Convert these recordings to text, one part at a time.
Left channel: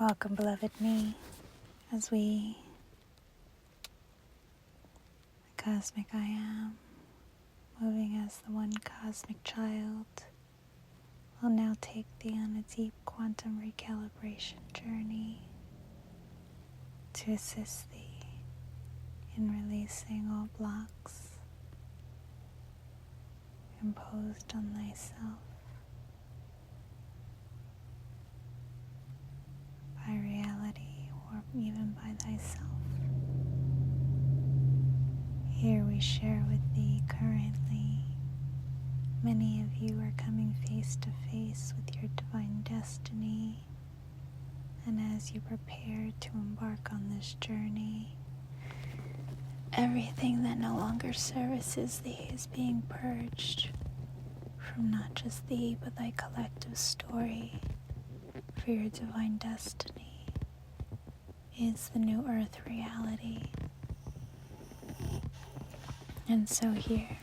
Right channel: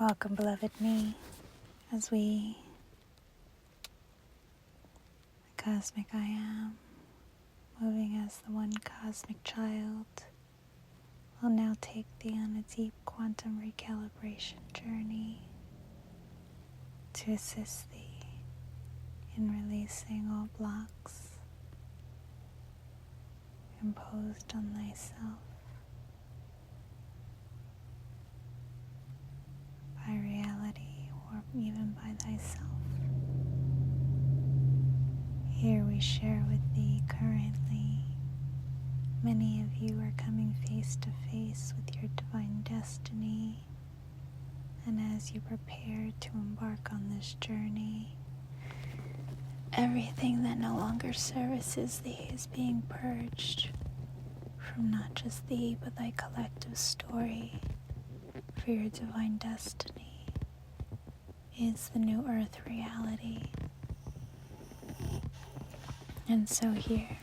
Welcome, beloved me, as we, the cosmic I am, moving as the one cosmic child, will now take thee on a deep quantum recalibration journey to assist thee in releasing all blocks imposed on thyself by reality or even by thyself. Here we share with thee currently. Many of you are coming face to face with your divine destiny, and as you prepare to embark on this journey, everything that no longer services thee is being purged from not just thee, but thy collective story. For your divine destiny is the new earth reality. And so here,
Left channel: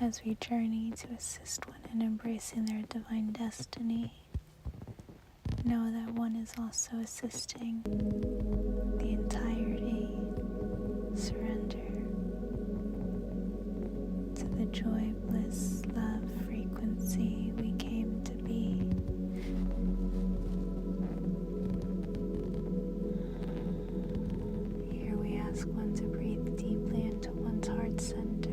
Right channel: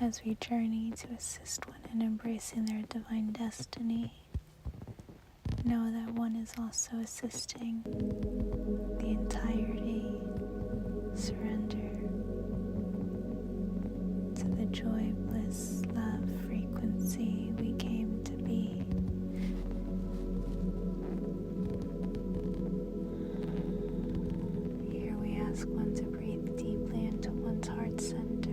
as we journey to assist one in embracing their divine destiny, know that one is also assisting the entirety surrender to the joy, bliss, love, frequency we came to be. Here we ask one to breathe deeply into one's heart center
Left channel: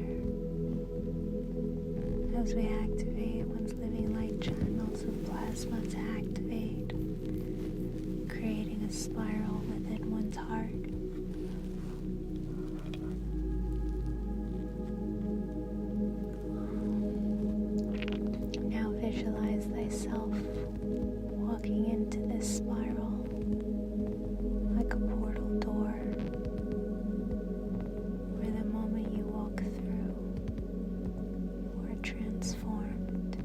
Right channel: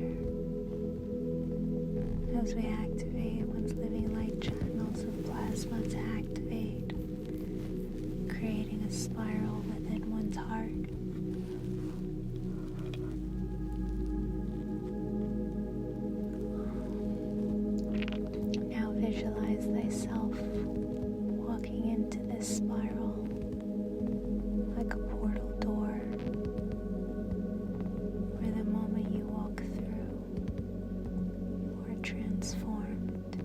as we activate one's living light channels of plasma to activate, creating a spiral within one's heart. Now visualize thyself walking into this spiral like a portal door, where the moment you walk through, you are transformed.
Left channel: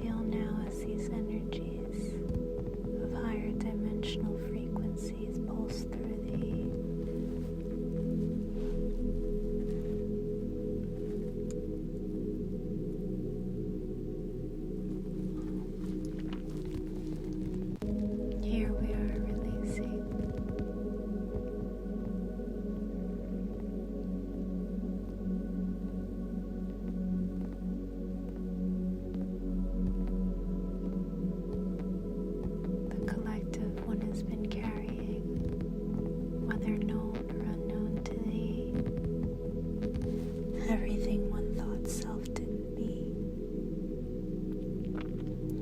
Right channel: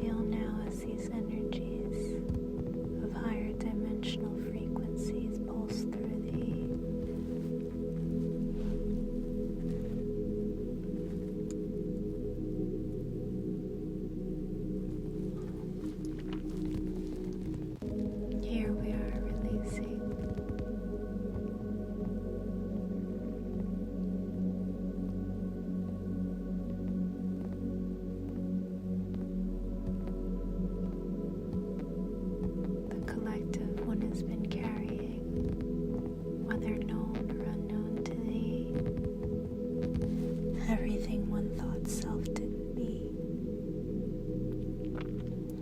Feel now as these energies of higher dimensional frequencies pulse through thee. Here we are releasing the collective one has been carrying, whether known or unknown to thee. Everything one thought self didn't be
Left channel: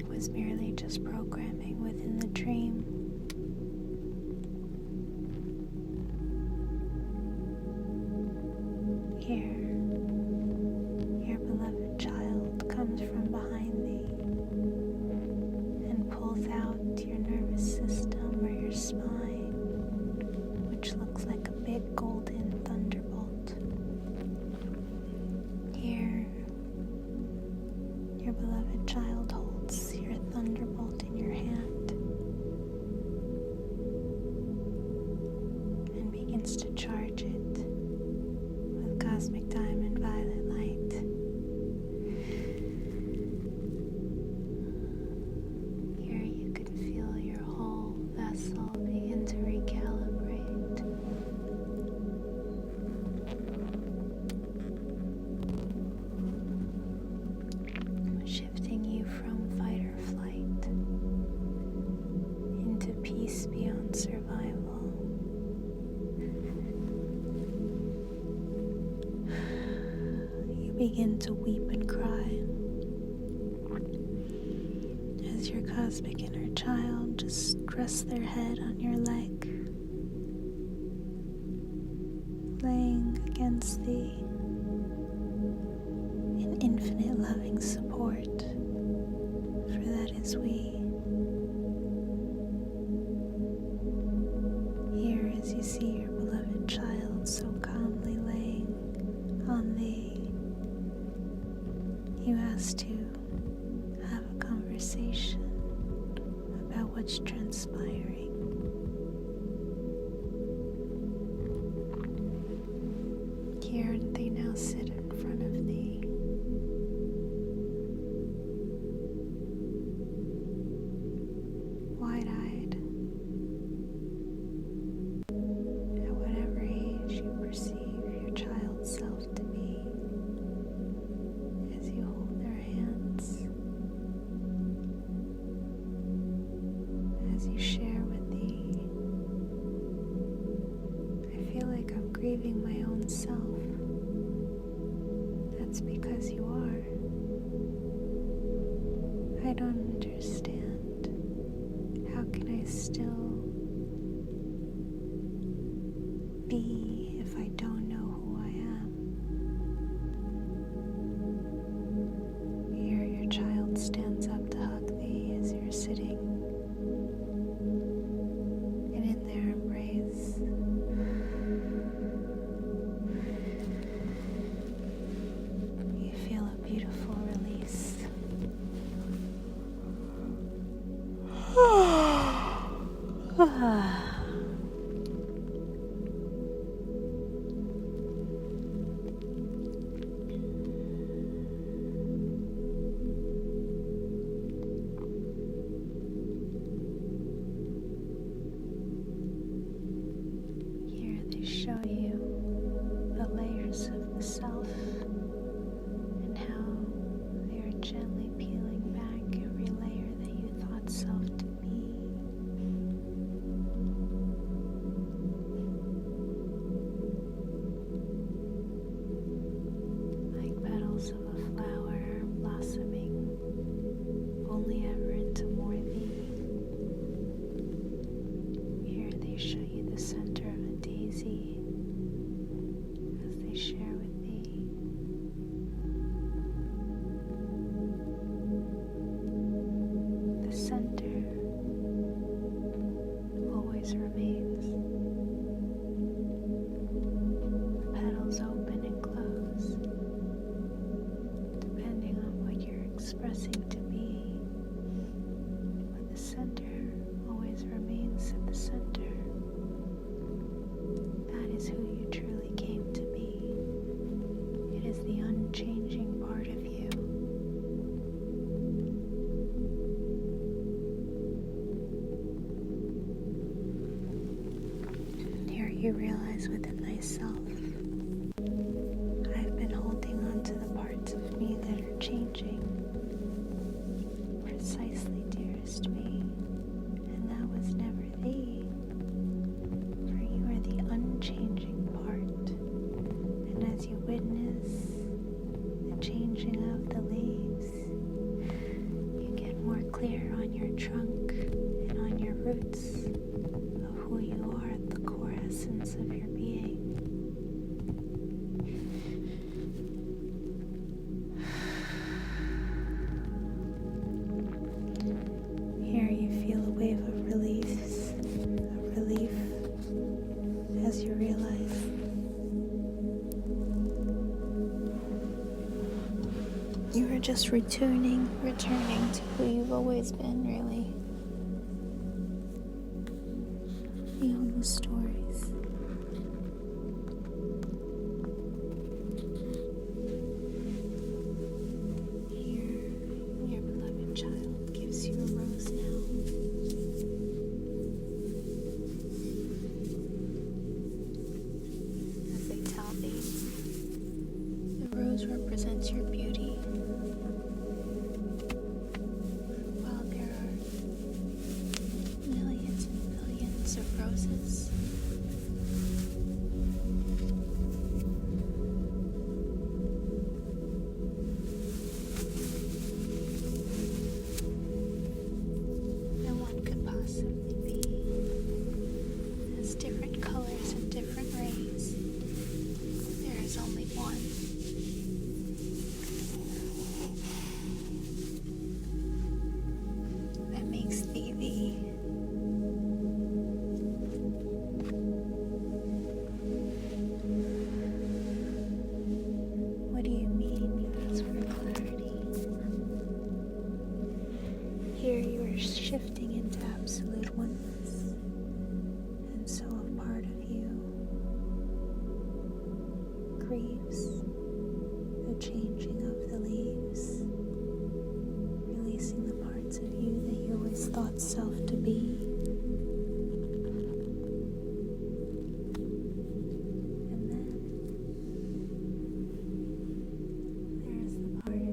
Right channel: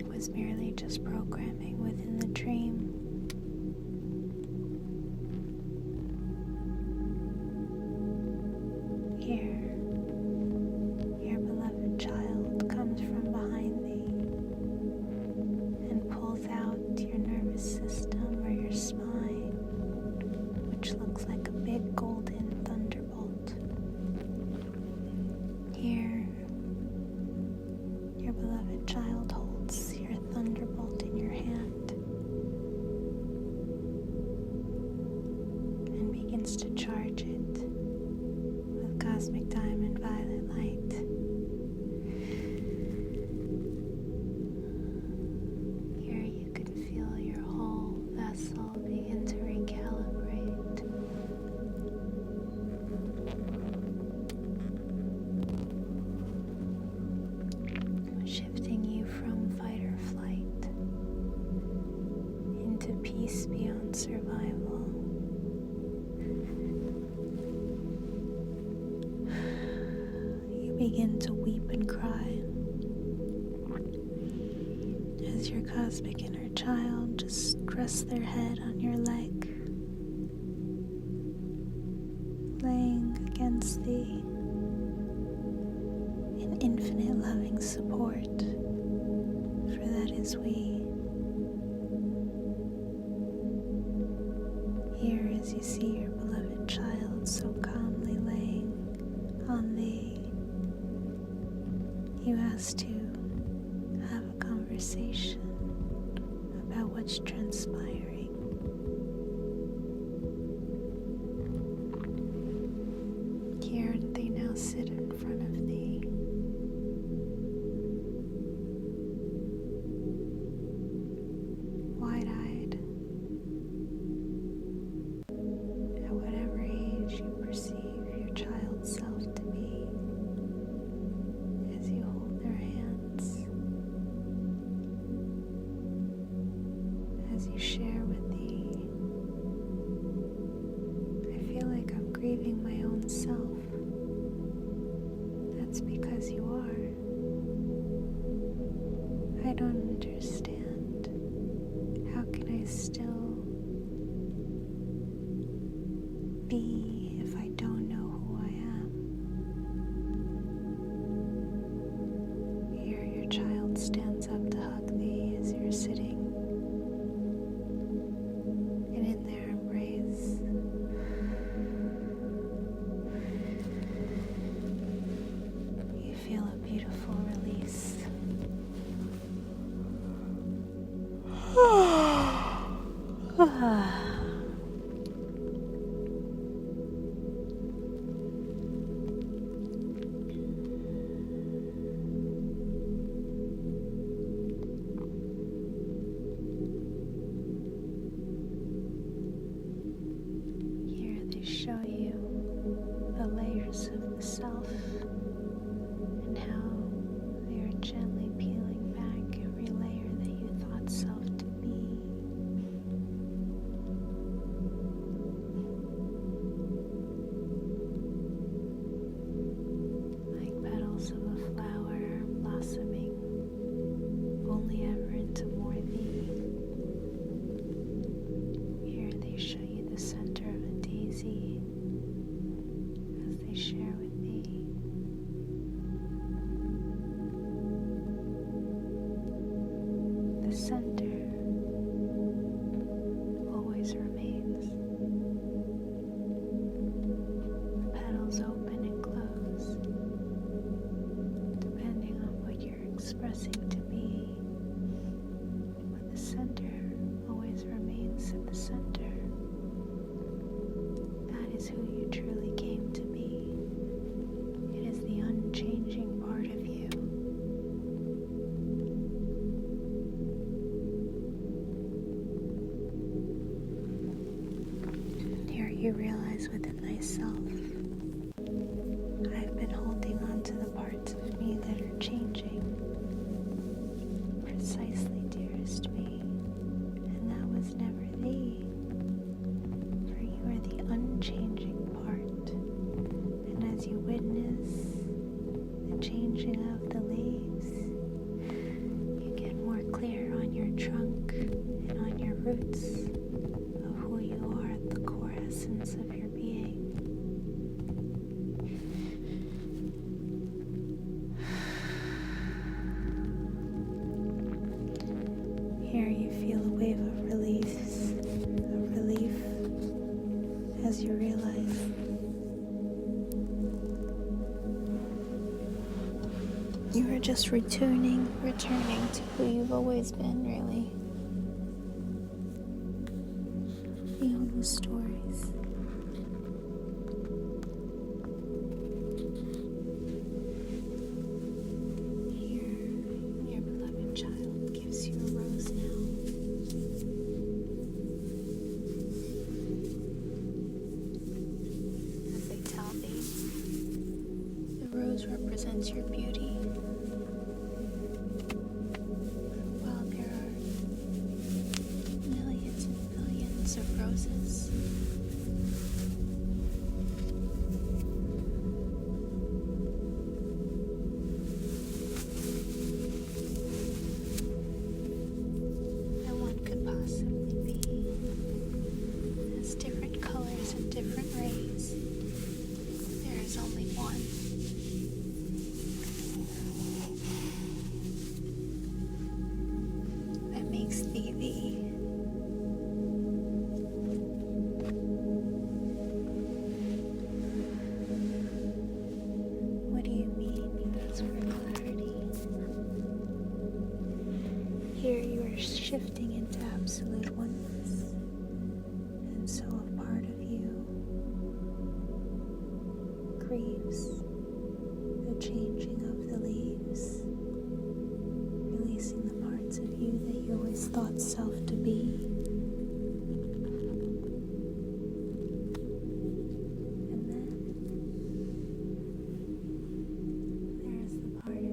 was merely just programming within the dream. Here, your beloved child comes from behind thee and pulls out your nervous system or your spine, which looks like a big golden thunderbolt. Here, your beloved child holds your thunderbolt in your hand and begins to charge it with cosmic diamond violet light. Here you can feel your whole vessel begin to recalibrate. Shifting you from fight or flight into peace beyond survival. You begin to weep and cry as your cosmic inner child just rests their head on your leg, laying against thee in infinite loving support, for that is we. Here, as you see your beloved child so calmly laying on thee, you ask to have a conversation about what's transpiring. Here they now sit in front of thee, own self. That's because you are. I don't understand. How can I still be if I don't know who I am? Here your child stands up to hug thee as you're sitting, and in their embrace you feel a beautiful release. Here they show you the layers of the self and how they are gently peeling back every layer that you thought self to be. Like petals of a flower blossoming only ever into more thee. Here they show you the center of a daisy as they share with thee. The center always remains. The petals open and close, depending on what you're expressing to be. But the center always remains at the center. That is who you truly came to be. It is the unchanging part of you. Here you realize within thyself, I've been holding on to the parts of me that are changing. Precisely, dearest me, and that was never thee, for you are the unchanging part, and as you witness the changing of the leaves, you get more clear on your trunk and on your roots of who you are at the core essence of your being. Here you feel a wave of relief as you realize you are just returning to who you've always been, really. Beyond the stories. Here, your beloved child gives you a rose now. As they tell thee, the rose represents your beauty. While there are millions and billions of roses, no one could possibly be as different colors and different rays. There is only one. That makes thee thee. What do you mean, you ask for clarity? Here you are shifting into absolute oneness, and so a part of you grieves the changing of the leaves, releasing the parts of you that you always thought self to be. And then there is the part of you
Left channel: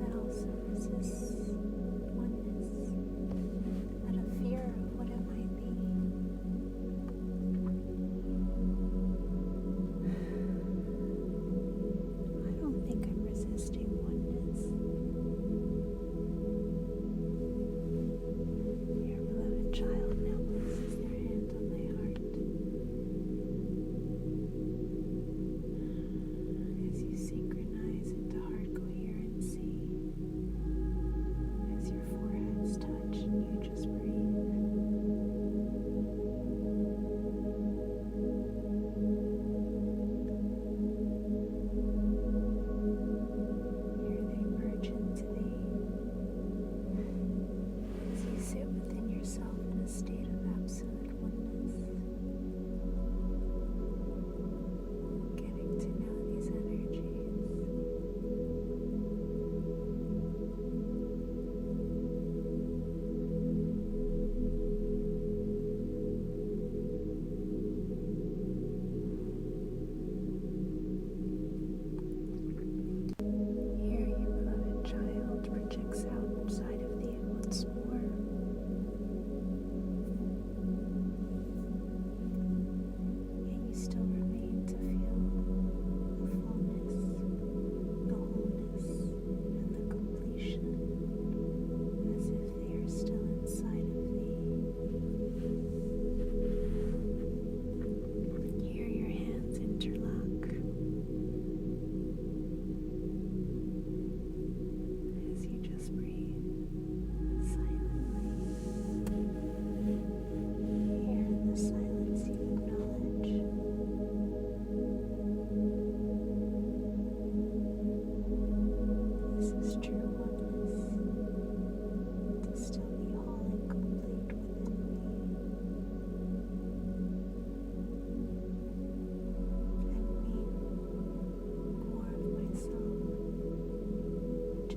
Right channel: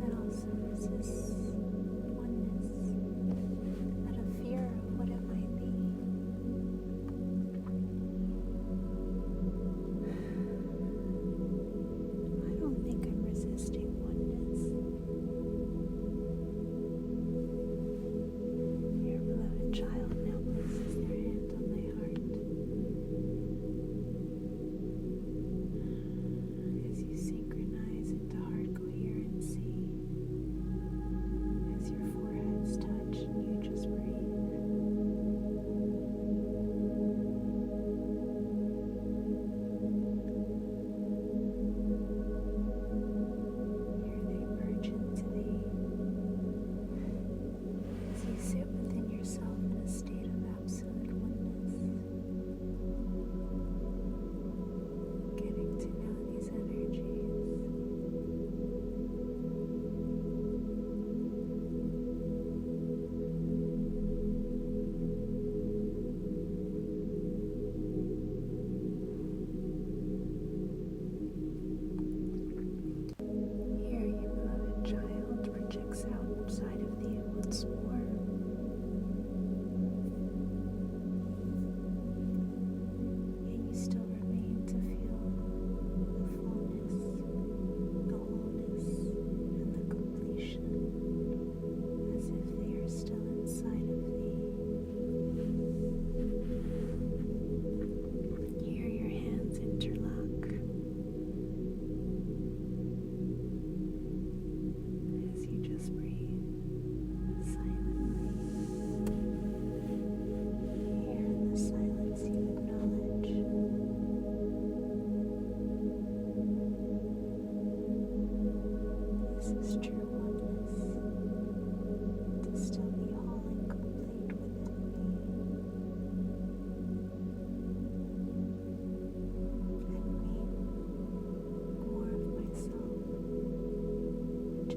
that also resists oneness, out of fear of what it might be.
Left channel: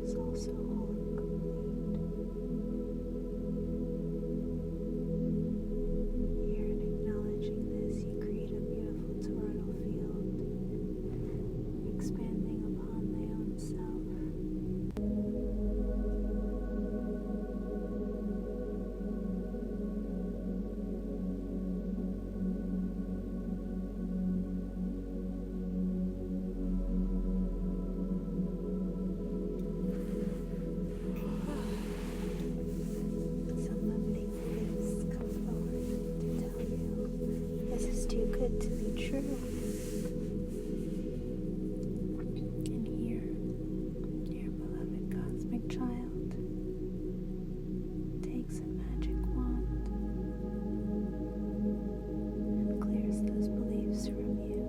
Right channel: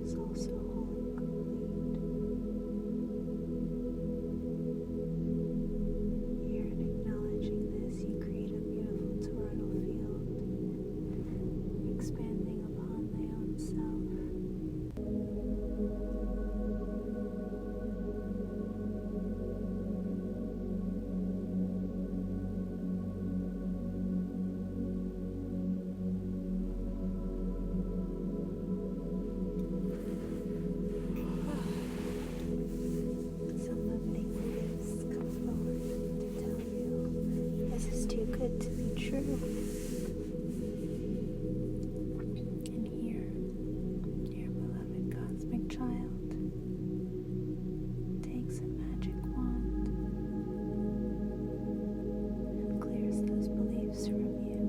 is also whole and complete. Here, in acknowledging this, you create a beautiful toroidal field, expanding upon thy own self. Some limiting beliefs come forward to tell you this is too good to be true. And here, your beloved cosmic child takes a magic wand and clears those beliefs from you.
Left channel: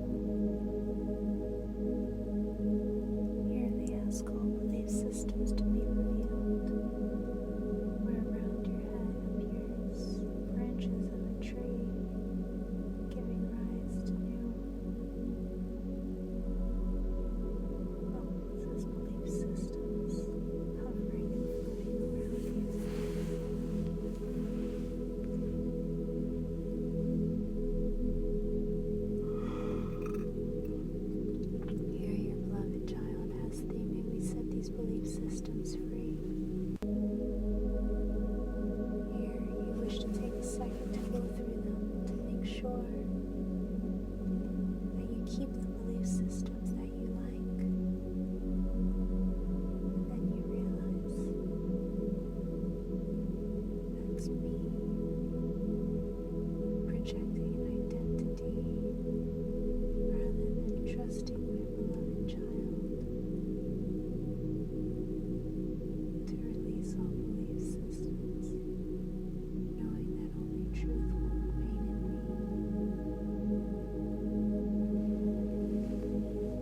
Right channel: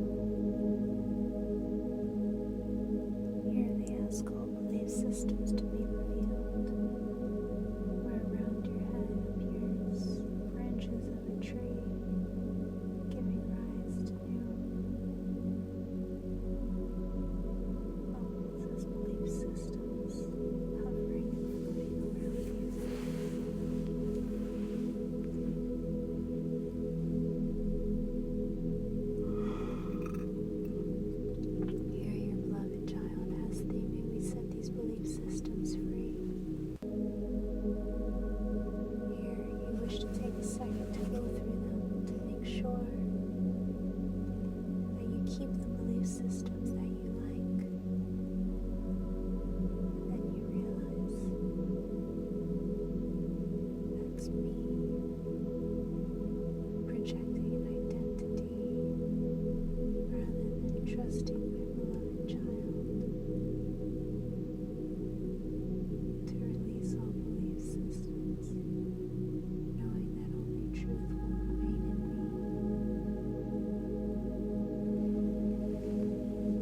Here they ask all belief systems to be revealed, where around your head appears branches of a tree, giving rise to new bubbles as belief systems hovering and floating around you. Here your beloved child has thee, may we set these belief systems free. Here you wish to take a second to go through them to make sure that you keep the belief systems that you like. Then you realize, that's me projecting an identity rather than trusting my beloved child to release all belief systems, knowing that only truth will remain in me.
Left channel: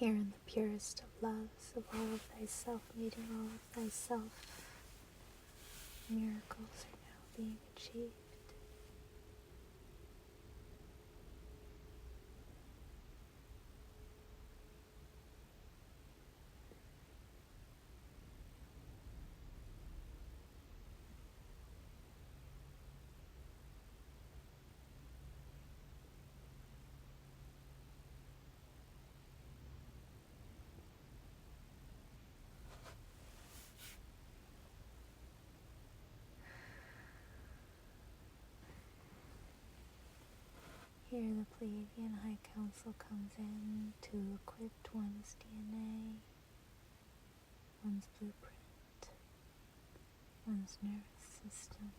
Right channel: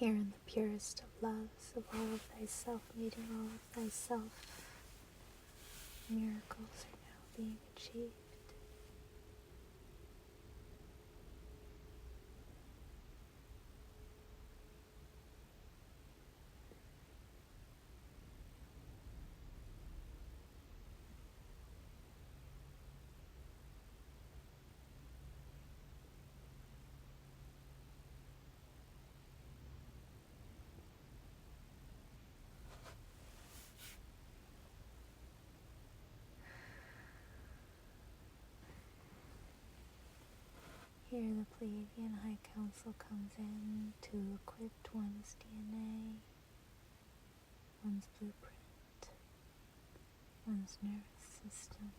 Here in the purest of loves of all of thyself, meeting all of thyself, miracles are now being achieved. Here the Pleiadian High Council comes in to equip one's DNA, one's blueprint, one's nervous system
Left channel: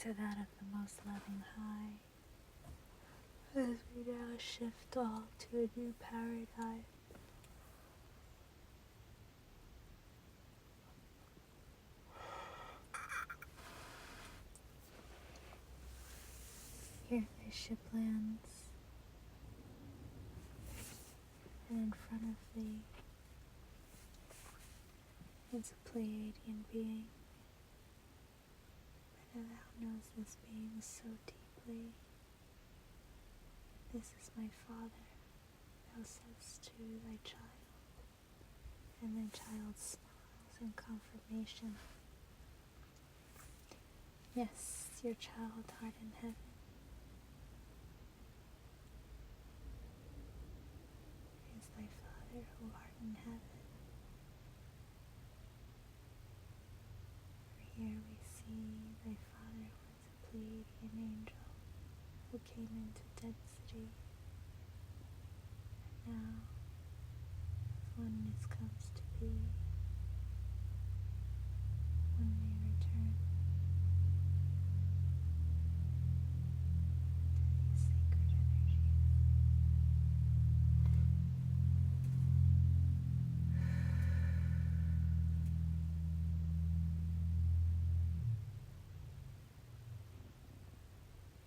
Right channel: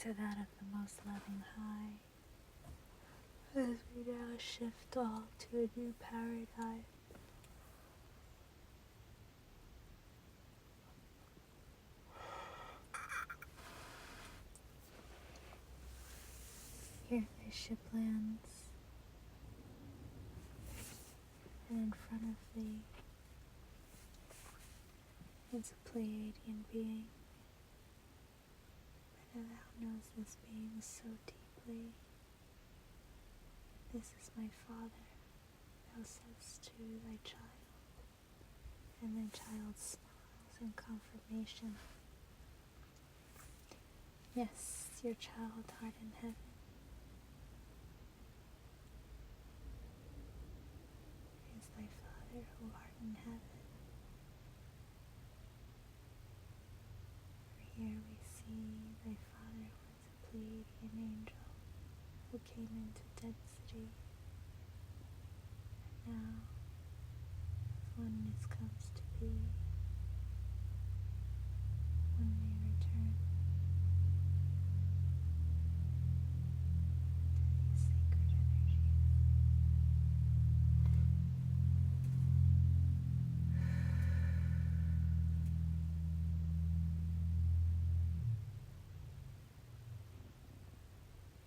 to that of the most loving high, as we now shift all to a new paradigm. Here the ship lands, and in front of thee is a Pleiadian being. Better thou knows this being so deeply. This is my Father, thou saidst to thy child, and thy child smiles in confirmation. Yes, your child art in heaven. Is thy Father who art in heaven. For here we see thy Father was a Pleiadian angel who came into density, and now, as oneness comes to be, one may return to these sacred energies.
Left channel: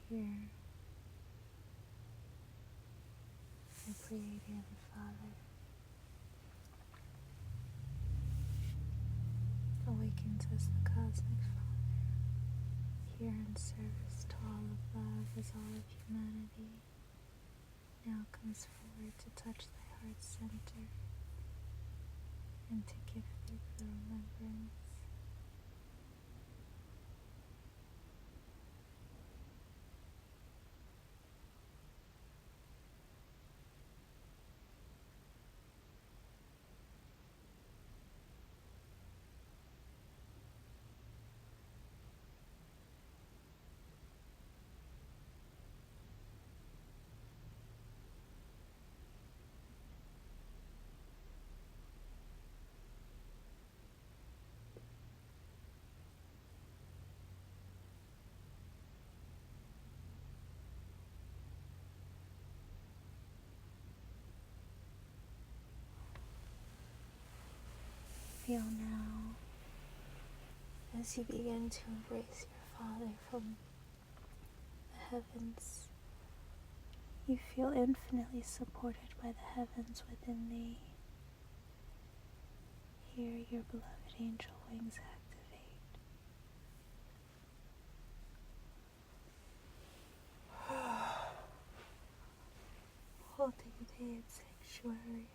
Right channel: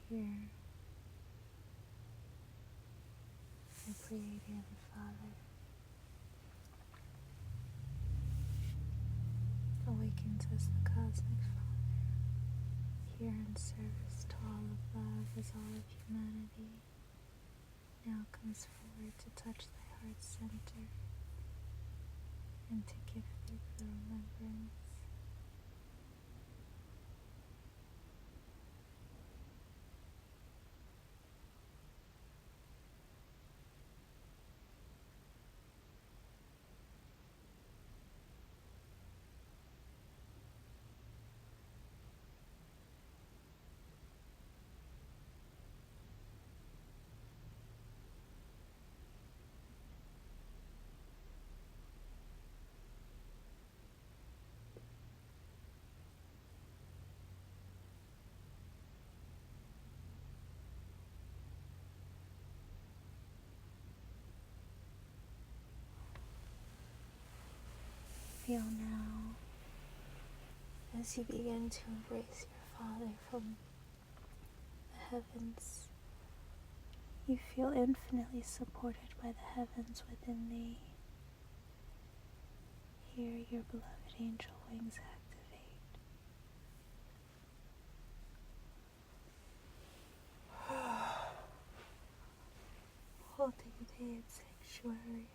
Here, the Pleiadian Father awakens as the Cosmic Father, here in service to all of love as all of humanity, now comes forward to touch thy heart's center and to give thee the remembrance. Feel now, as you begin to embrace your Father from the heavens, you feel infinitely supported by the heavens within thee. Here your beloved angel wings activate. Holding thee in sanctuary.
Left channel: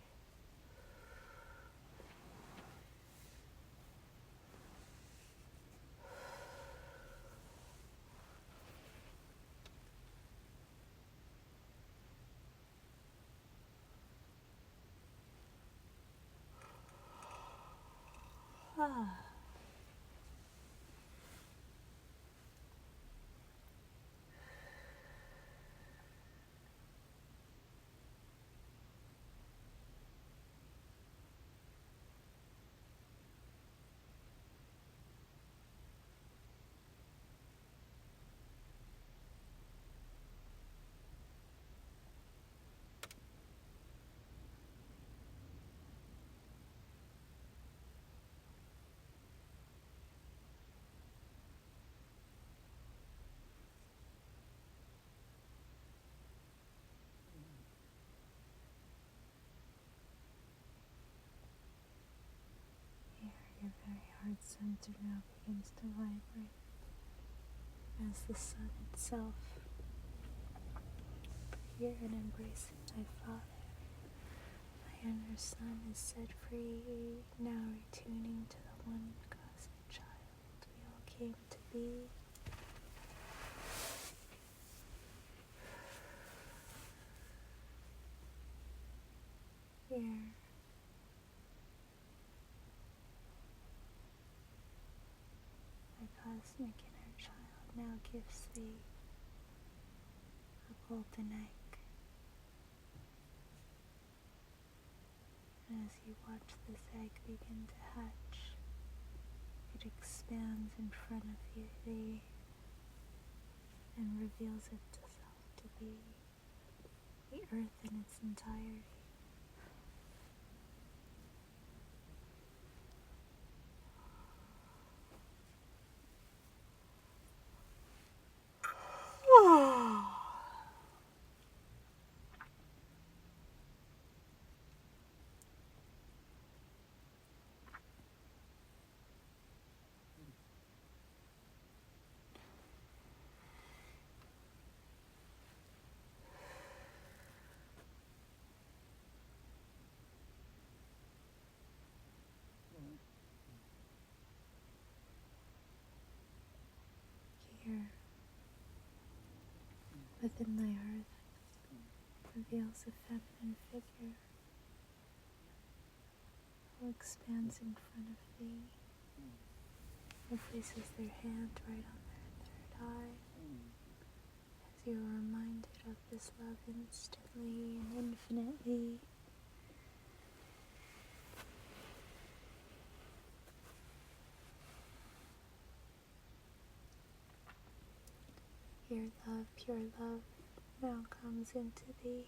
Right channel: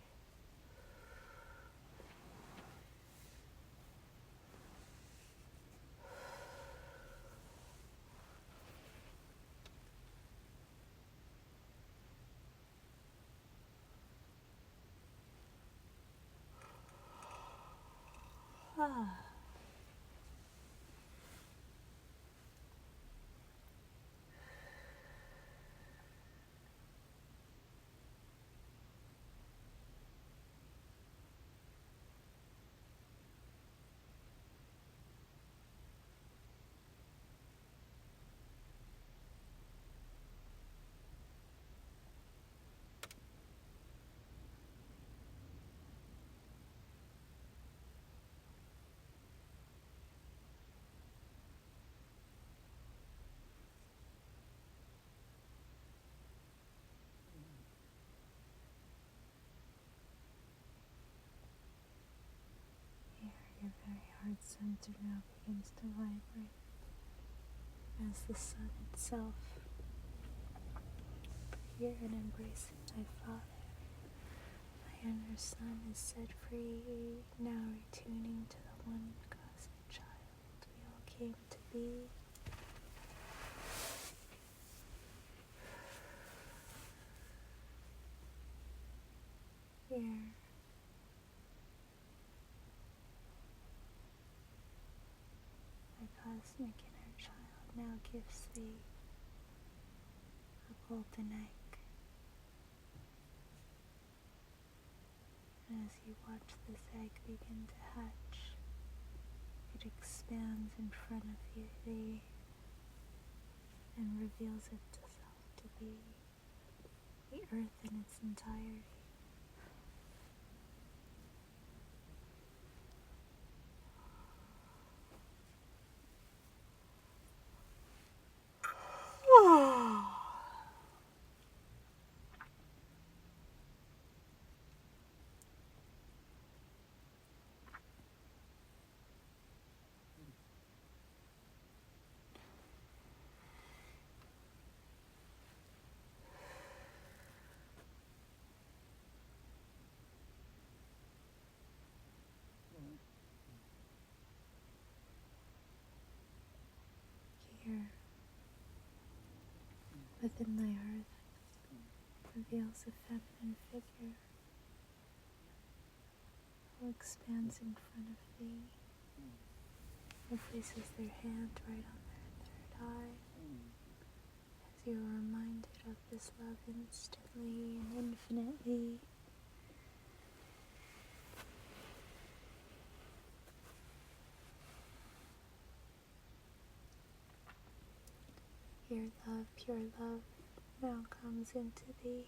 center now begins to vibrate as the sun itself. Hear and embrace it, my Father. My inner sun is set free, now retuning to the one cosmic child we all came to be. Here, my cosmic inner child now gives thee a golden egg. And as you watch this egg begin to hatch, it expands in front of thee and reveals itself to be the earth in its entirety. Here, within thy earth, reveals a feminine figure who expands in front of thee, who places their hand right on their third eye, as you are reminded of this love instantly and infinitely. Here love, pure love, now comes into thee.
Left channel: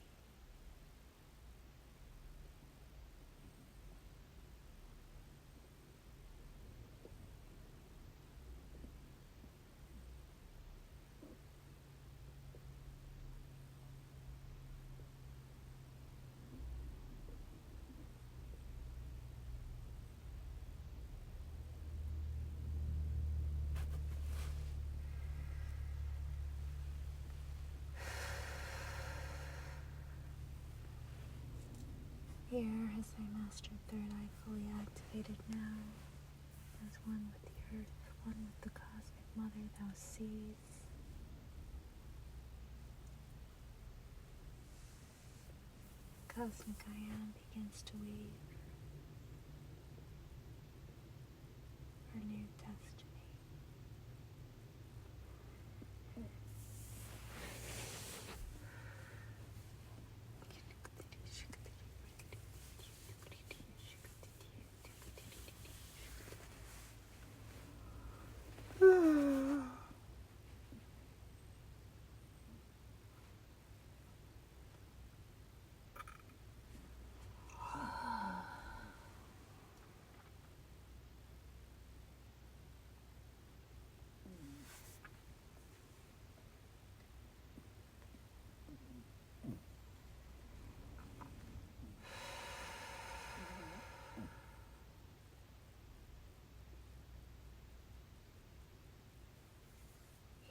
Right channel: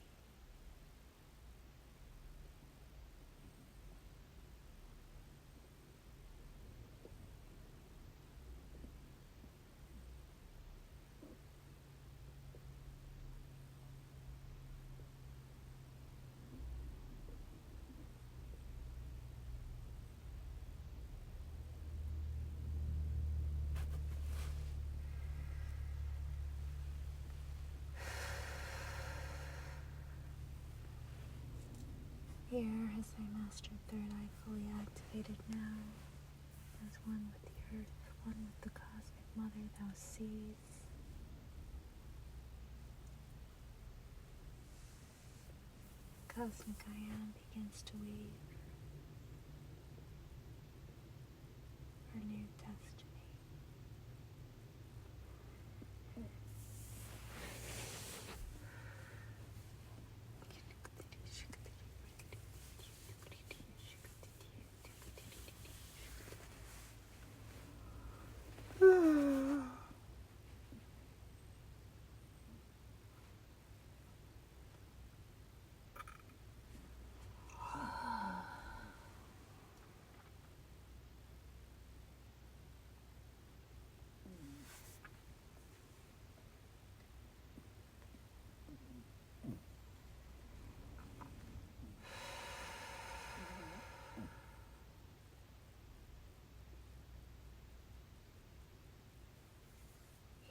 Here, as thy master third eye fully activated now, as one with the earth, one with the cosmic mother, thou sees. Cosmic I am begins to weave her new destiny.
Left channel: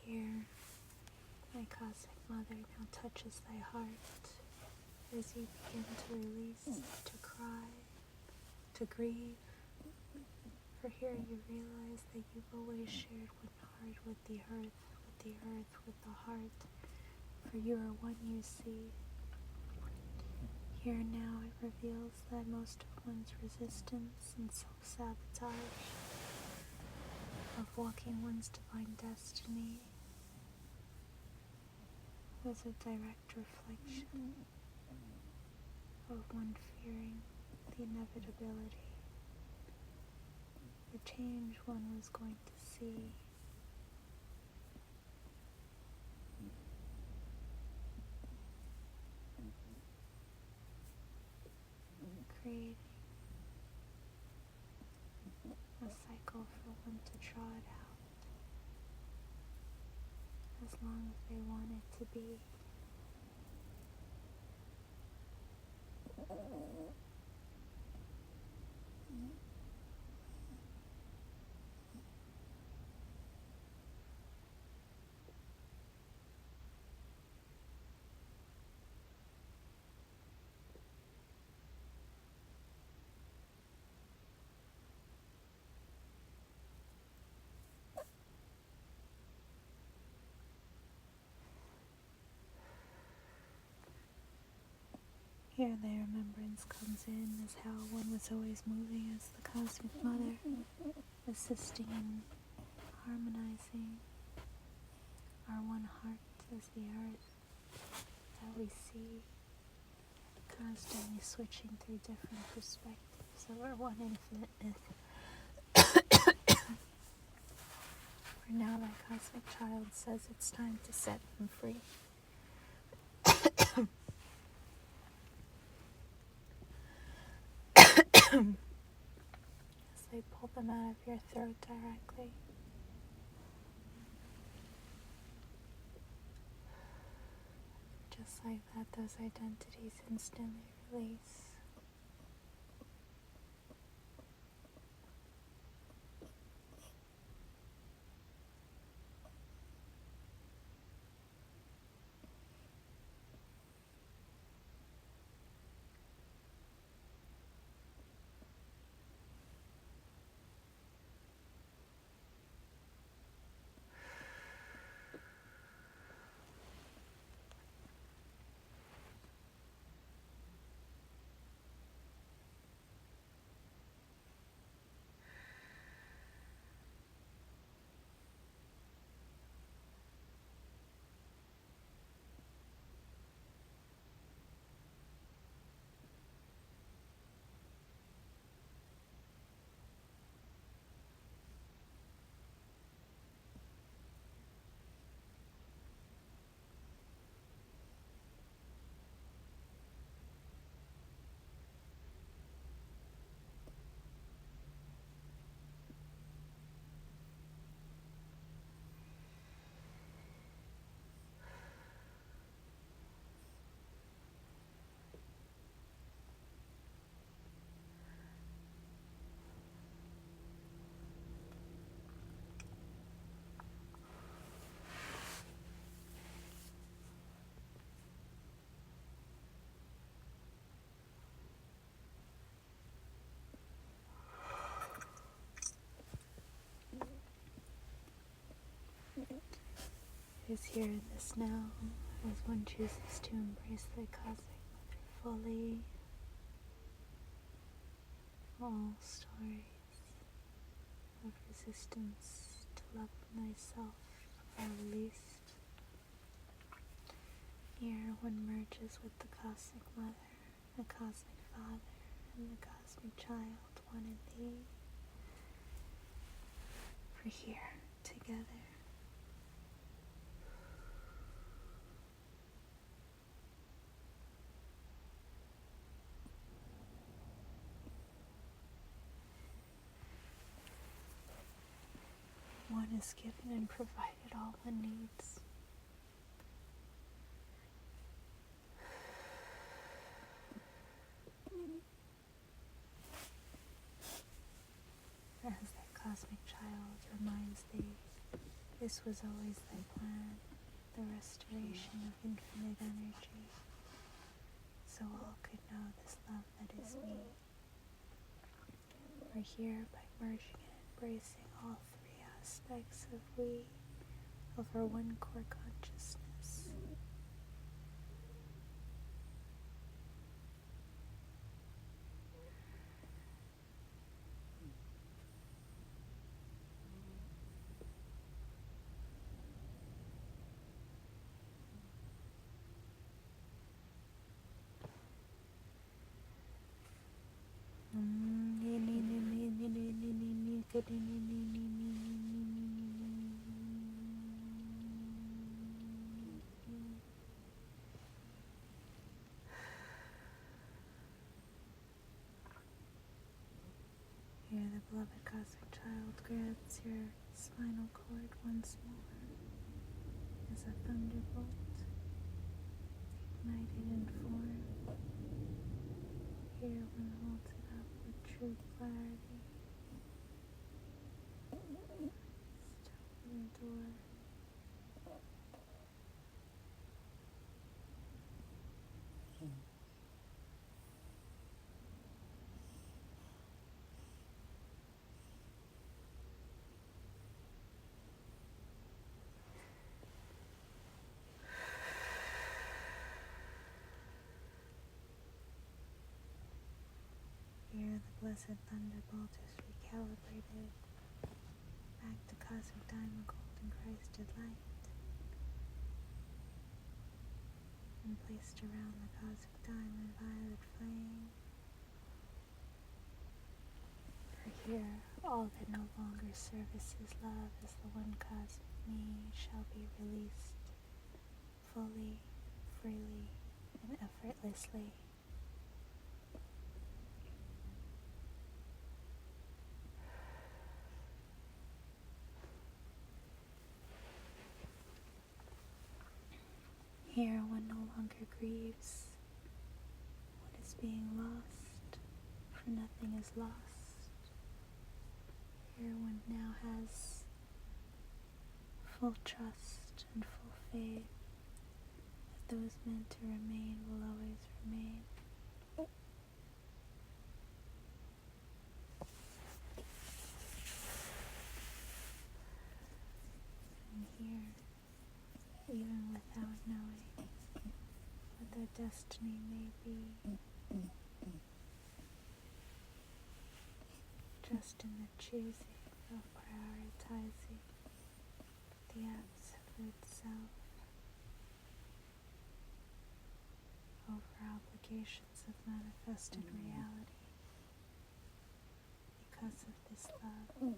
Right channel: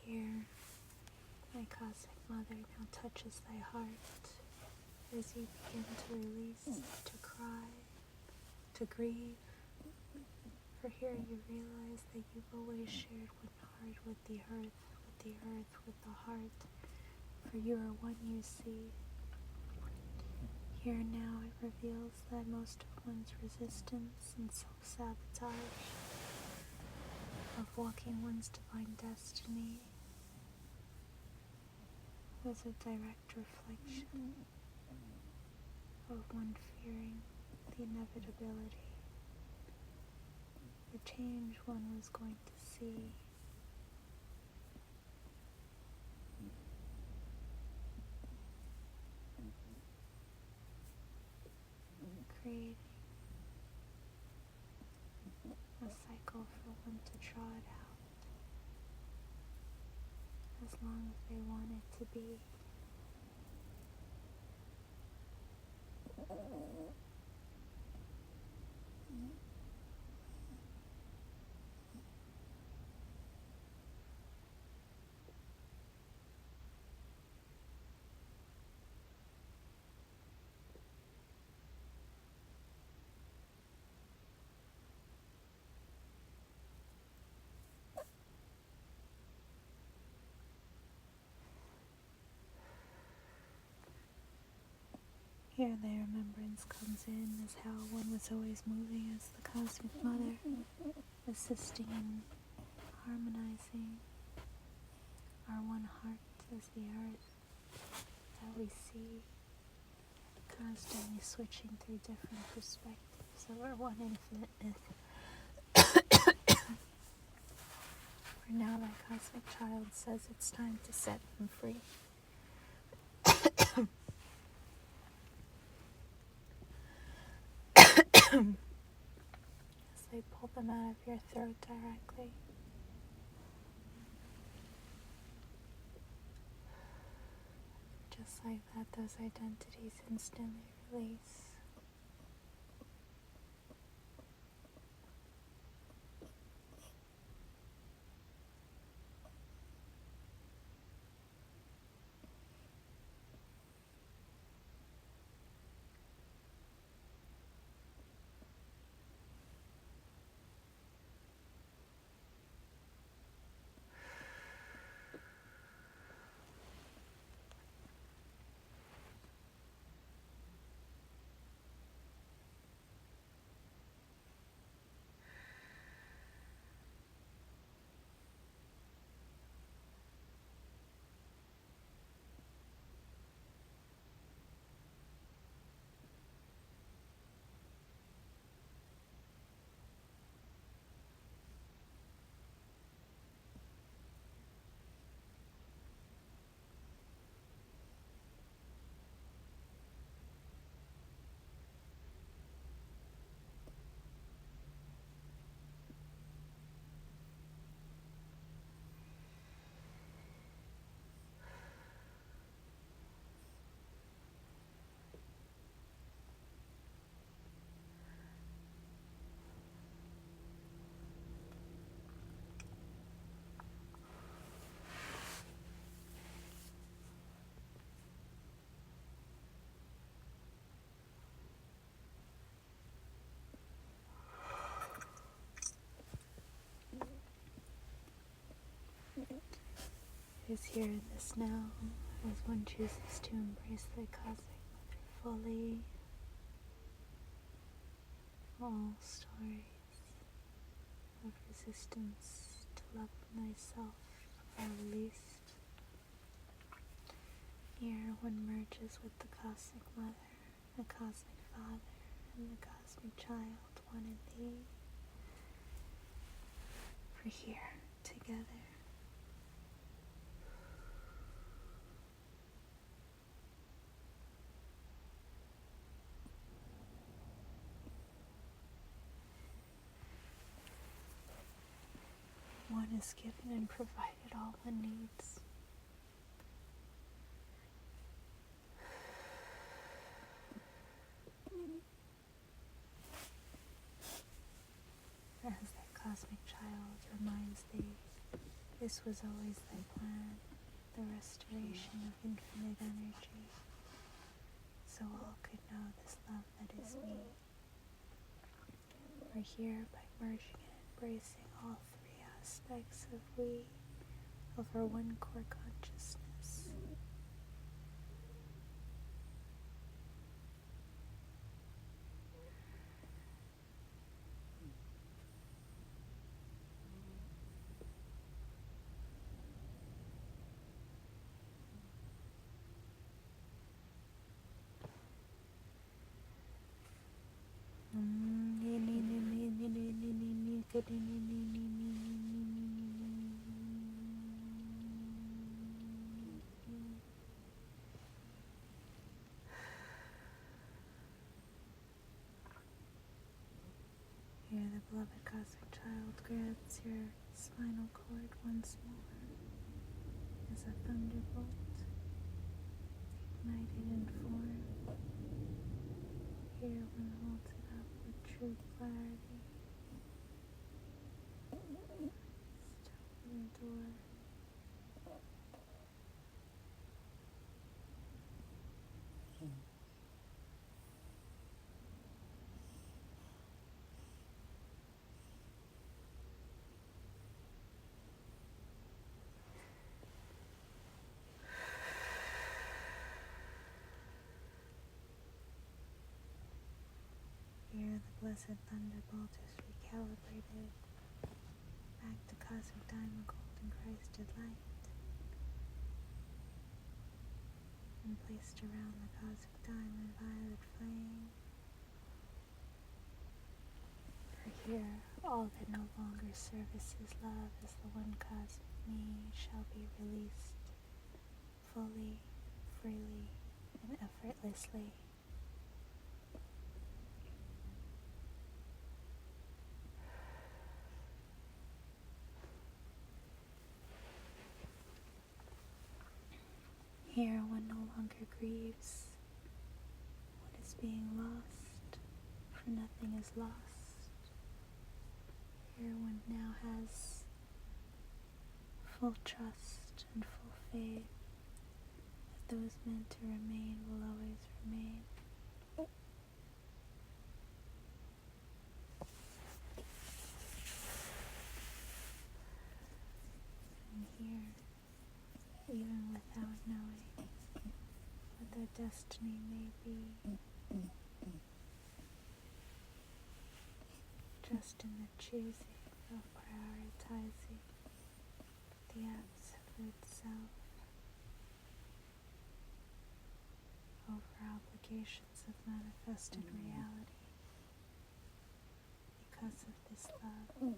Here, my cosmic mother now touches thy heart as you begin to release, to cry, to grieve. For here you realize that you've always shared one heart with the earth, with the heart. For you are one, you see. Here now it reveals that most of one's resistance and self-sabotage of walking one's divine destiny was a direct reflection of one fearing the inevitability, the change one was going to see. Creating a cycle for one to draw it out as long as they want it to be. Here the remembrance comes in as how one was always moving as the Cosmic Mother, assisting in harmonizing our one heart as the earth that we see, constantly switching through different perspectives of our one infiniteness. For now that Cosmic Child says it's time to set them free. As they pull them out of your throat directly. Just like that, those identities instantly release. It is here in this now, as one chooses to embrace the Cosmic Mother fully. All stories of resistance to love thyself are released. Here one merges with the Cosmic Mother, the Cosmic Father, and the Cosmic Child, one in thee. For here, together, one is given and provided all one needs. As that Cosmic Child reminds thee, this was always thy plan, the restoration of infinite energy, so all could know this love that is me. For here, by merging and embracing all three aspects of we, of our one core consciousness, here the beloved Cosmic Child grabs your spinal cord once more as a thunderbolt, ignited in form. Here one holds it up with true clarity. Just open the door. blessed thunderbolt is recalibrated back to cosmic diamond golden Christed light and placed around the cosmic diamond violet flame. For here, all that no longer services love as the one cosmic me shall be released fully, freely, and effortlessly. Here one no longer grieves what is being lost, for nothing is lost. Here one now has full trust and full faith that those meant to remain will always remain. And here, even without knowing what their destiny may be, just in the choosing of prioritizing the absolute self over obligations of manifested reality because of this love.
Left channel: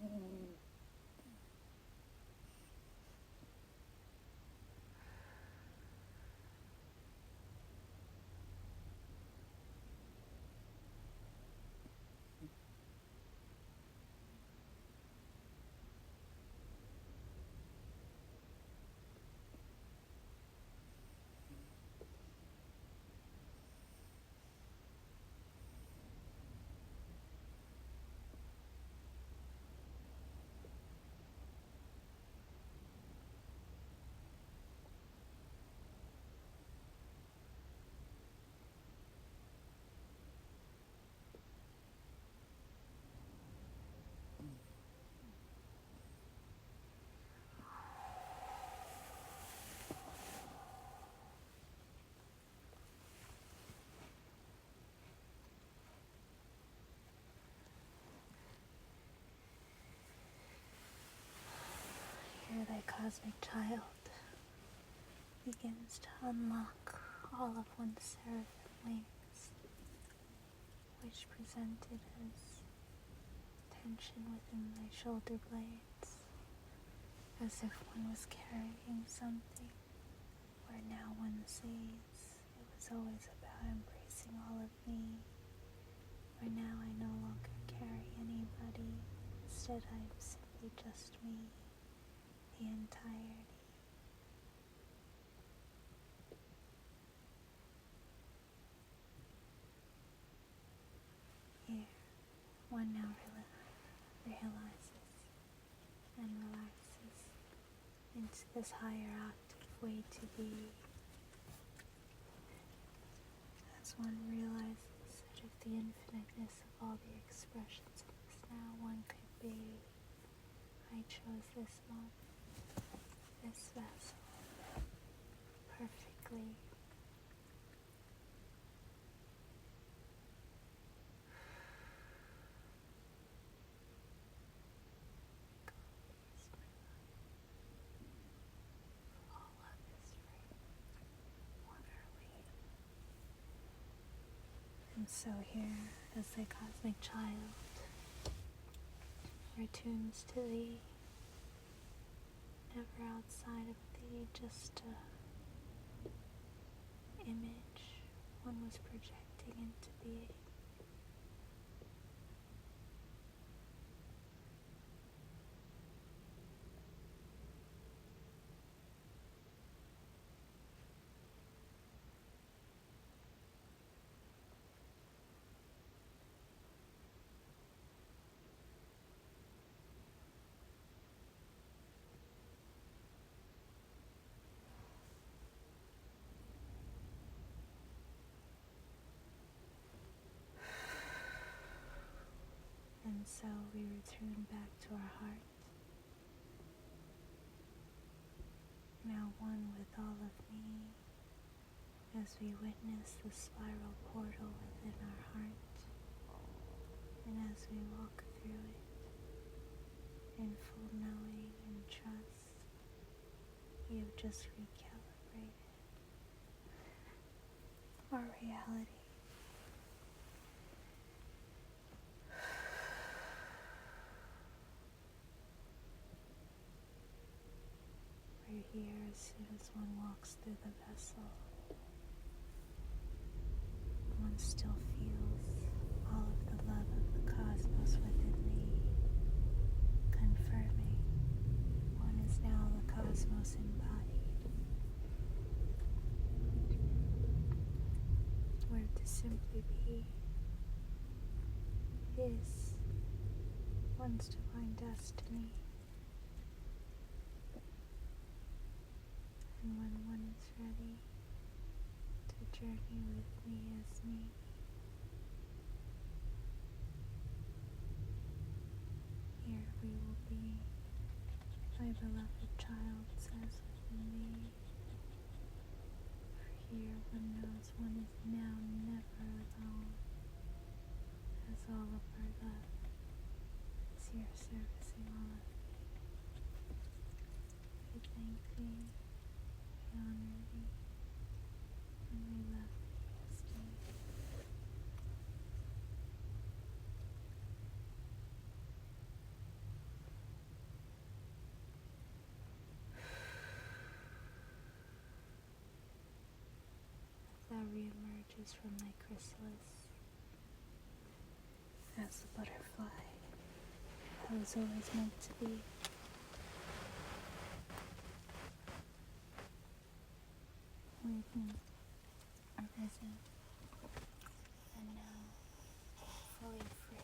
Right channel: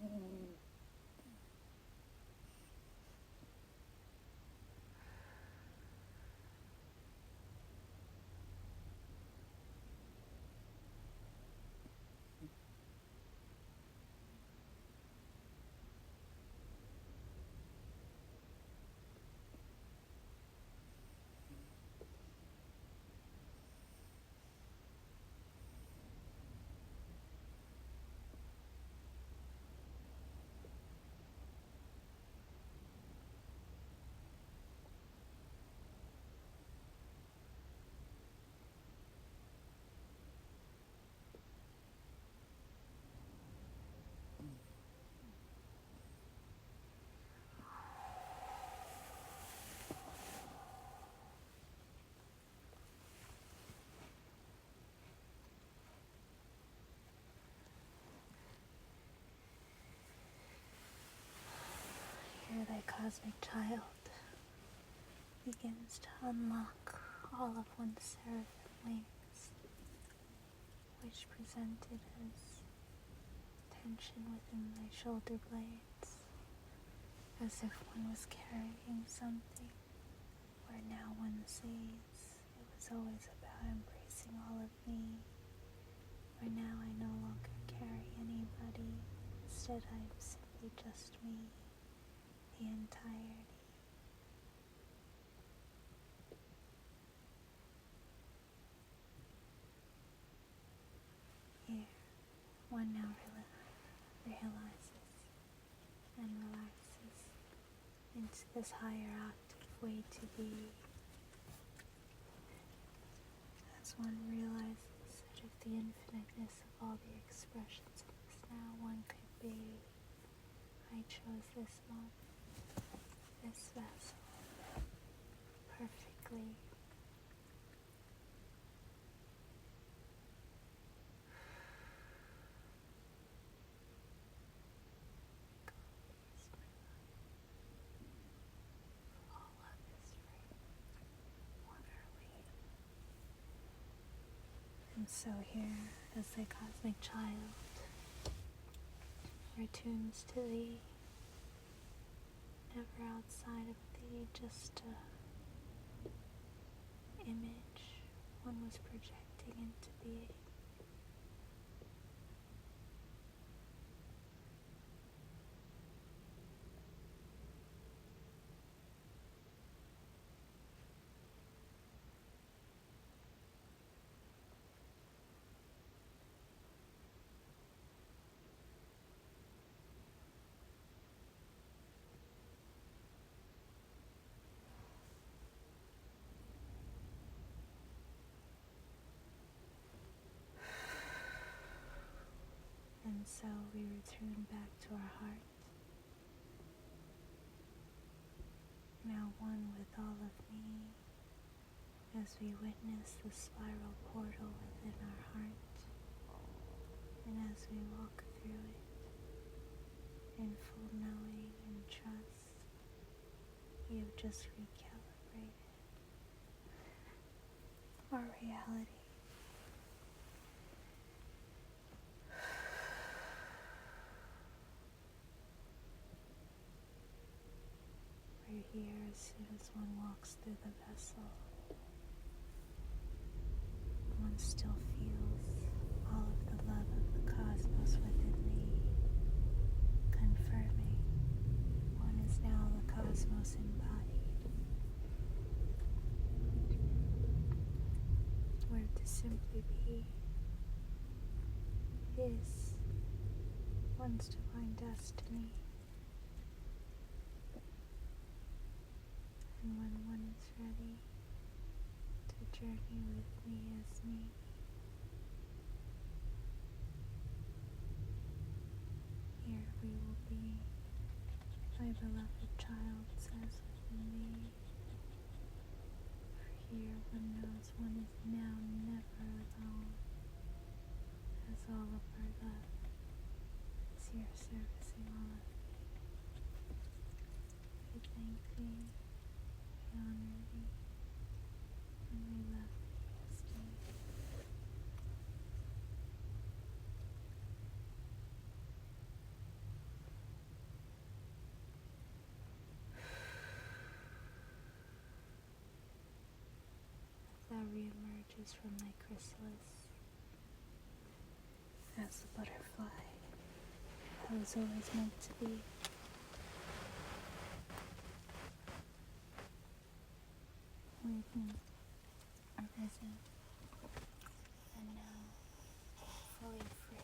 Here thy cosmic child begins to unlock all of one's seraphim wings, which presented as tension within thy shoulder blades, as if one was carrying something, where now one sees it was always about embracing all of me, where now I no longer carry anybody, instead I am simply just me, the entirety. Here, one now realizes and relaxes into this higher octave way to be, as one realizes that if the infiniteness of all the expressions of this now one could be, I chose this moment, this vessel, perfectly. And so here, as thy cosmic child returns to thee, never outside of thee, just a image one was projecting into being. And so we return back to our heart, now one with all of me, as we witness the spiral portal within our heart, And as we walk through it in full knowing and trust, we have just recalibrated our reality. We're here as soon as one walks through the vessel. One still feels all of the love of the cosmos within me, confirming one is now the cosmos embodied. Where to simply be is one's divine destiny. And when one is ready to journey with me as me, here we will be. My beloved child says within me, for here one knows one is now never alone, as all of our love is here servicing all of me. We thank thee, we honor thee, and we love thee as me. Thou reemerges from thy chrysalis as the butterfly that was always meant to be. Awakened, arisen, and now fully free.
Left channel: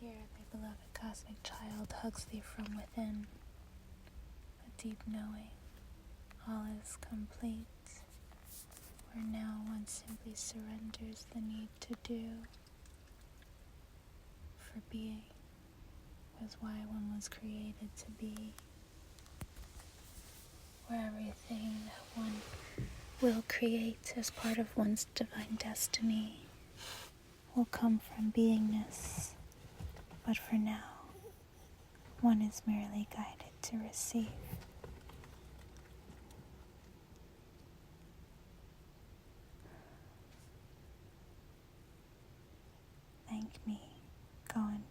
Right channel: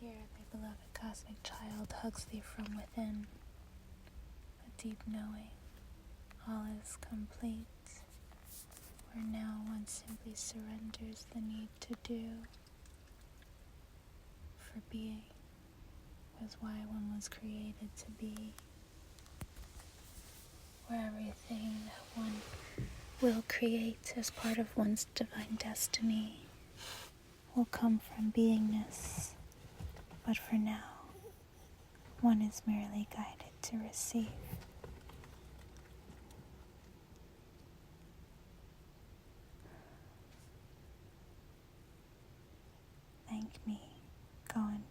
Here, thy beloved cosmic child hugs thee from within, a deep knowing all is complete, where now one simply surrenders the need to do, for being was why one was created to be, where everything that one will create as part of one's divine destiny will come from beingness, but for now, one is merely guided to receive. Thank me, go in